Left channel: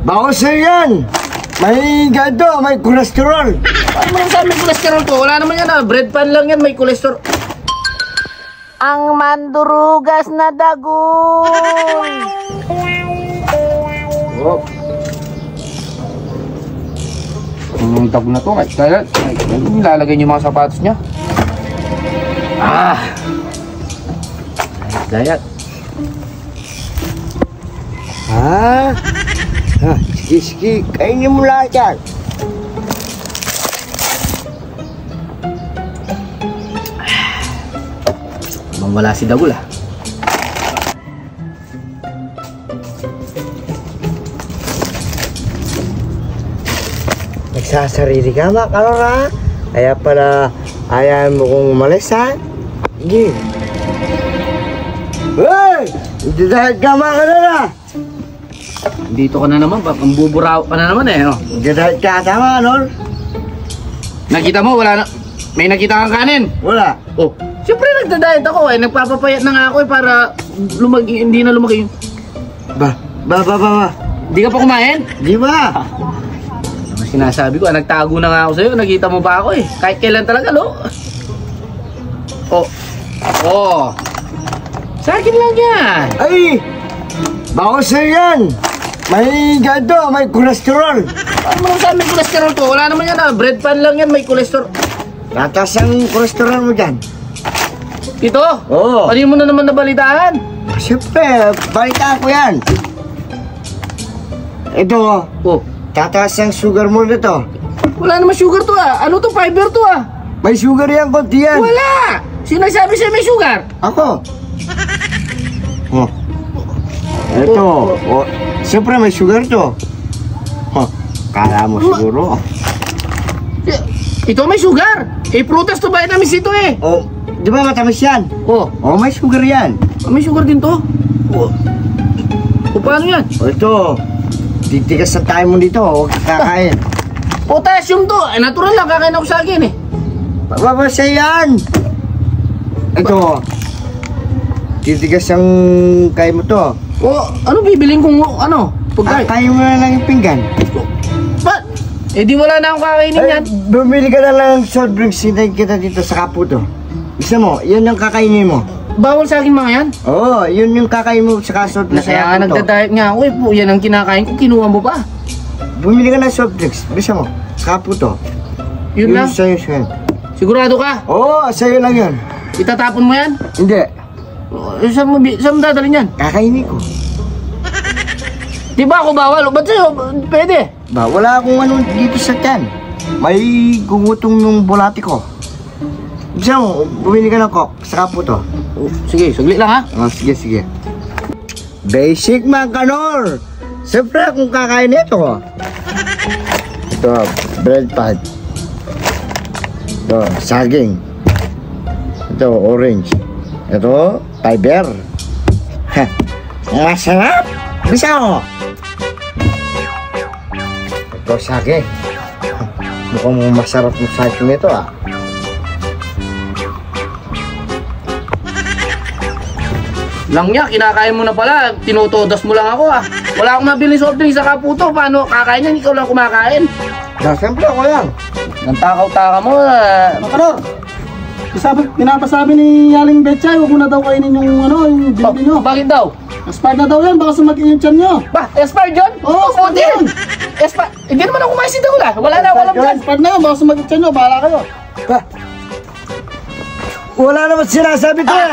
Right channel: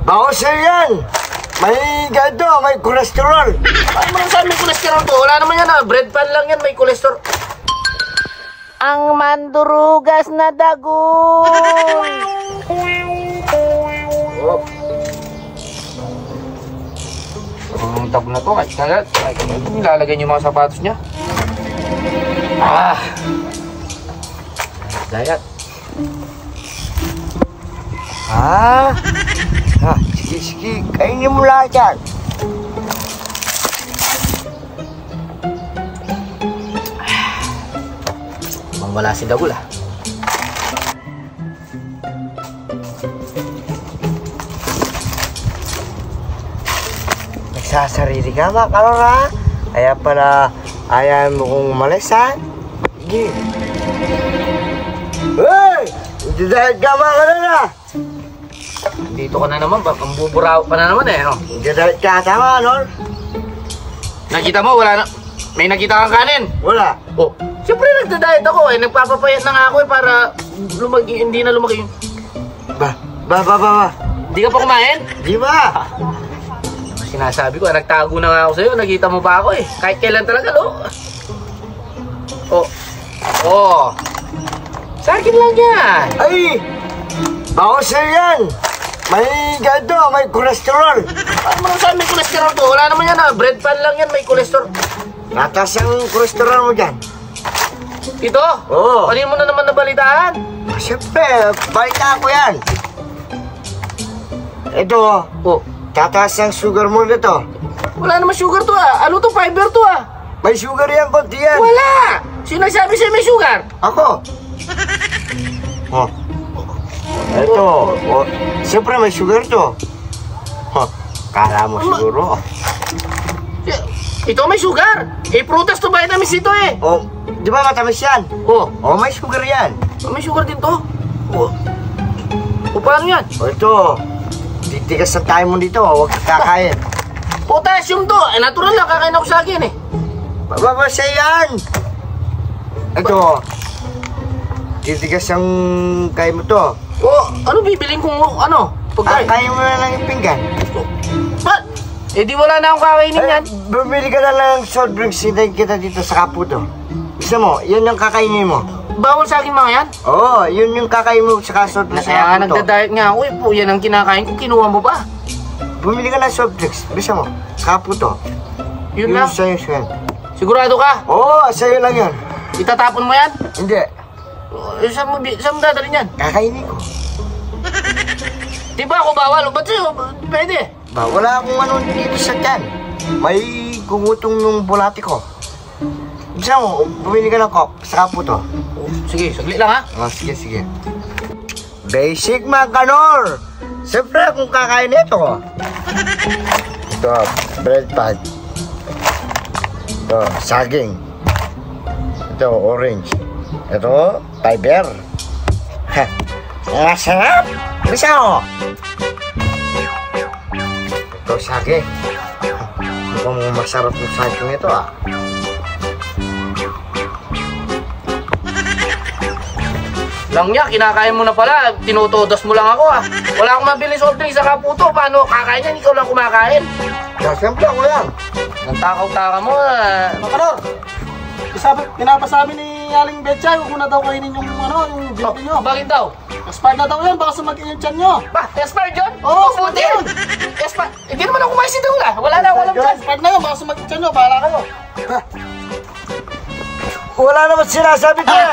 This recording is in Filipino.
Bawas yan. May ganito, may kolesterol. Paano mo lang sabi may kolesterol to? Wala naman yan ah. Bread pan lang yan, may kolesterol. Ang mandurugas na dago. Oh. Ang tag na to. Ay, lalagay niyo mga sapatos niya. Ah! Dayat. Ha? Ha, sige, kainin mo lahat yan. Wala si Dagul ah. Nagsasarili ka ba, Karora? Kaya pala ayaw mo kong umalis, ha? Sige. Hey! Dahil ka mga Karora! Dito ka na naman, ang buburaw ka na naman eh. Oh. Dahil ka tama, Nol? Nakita mo, wala na. May nakita kang kanin. Wala. Oh, siyempre nagda-diet ako eh. Nagpapapayat na nga ako eh para hindi na lumaki yung... Ba. Di ka pa kumain? Di ba? Ano sinasabi ko, nagtago na nga ako sa'yo. Nakita mo ba ako eh. Kahit kailan talaga, no? Oh. Sa akin lang yan. Ay! Bawas yan. May ganito, may kolesterol. Paano mo lang sabi may kolesterol to? Wala naman yan ah. Bread pan lang yan, may kolesterol. Tatas ang kolesterol mo dyan. Ito? Oo. Kanino mo na naman nabalitaan? Siyempre, balita ko yan. Ito, Oh. tataas ang sugar mo nito. Wala naman sugar to ah. Ano to? Fiber to ah. May sugar yan, konti yan. Wala! Sino nagsabi sa'yo may sugar? Ako. Oh. Ito. Oh. Siyempre, may sugar to. Oh. Kala mo siguro. Ito may sugar. Eh, prutas to, vitamins ito eh. Oh. Di ba matamis yan? Oh, Oh, may sugar yan. may sugar din to. Oh. O, paano yan? Oh, ito. Titigas sa tayo mo dito. Huwag kakain. Potassium to. Eh, natural lang. Kakain ako sa akin eh. Babasa yan. Ito. Titigas ang kain mo to. Oh, ano bibiling kong ano? Pagkain. Kain mo na lang yung pinggan. Ba't? Eh, di wala na akong kakainin yan. Bumili ka na lang ng soft drinks. Hintayin kita dito sa Kaputo. Gusto mo, yan yung kakainin mo. Bawal sa akin mga yan. Oo, yun yung kakain mo sa soft drinks. Kaya nga nagda-diet nga ako eh. Yan ang kinakain ko. Kinuha mo pa. Bumili ka ng soft drinks. Gusto mo, sa Kaputo. Yun lang. Sa'yo yan. Sigurado ka? Oo, sa'yo lang yun. Itatapon mo yan? Hindi. Saan mo dadalhin yan? Kakainin ko. Di ba ako bawal? Ba't sa'yo? Pwede. Ba, wala akong ano dito sa tiyan. May gumutong yung bulati ko. Gusto mo, bumili ka ng Coke sa Kaputo. Sige, saglit lang ha. Oh, sige. Basic man, Kanor. Siyempre, kung kakain ito. Ito, bread pad. Ito, saging. Ito, orange. Ito, fiber. Ha, masarap. Bisa mo. Ito, saging. Mukhang masarap yung saging nito ah. Lang niya, kinakain mo na pala. Tinutodas mo lang ako ah. Wala akong mabili soft drink sa Kaputo. Paano kakain yan? Ikaw lang kumakain. Siyempre ako yan. Nang takaw-taka mo ah. Kanor, pinapasabi ni Yaling Betchay, huwag mo na daw kainin yung yung binili nyo. Bakit daw? Expired na daw yan, baka sumakit yung tiyan nyo. Ba, expired yun? Oo, expired Hindi. yun. Expired. Hindi naman ako kumain si Dagul ah. Wala na ako alam dyan. Expired na yan, baka sumakit yung tiyan nyo, bahala kayo. Wala naman sinasabi ko eh.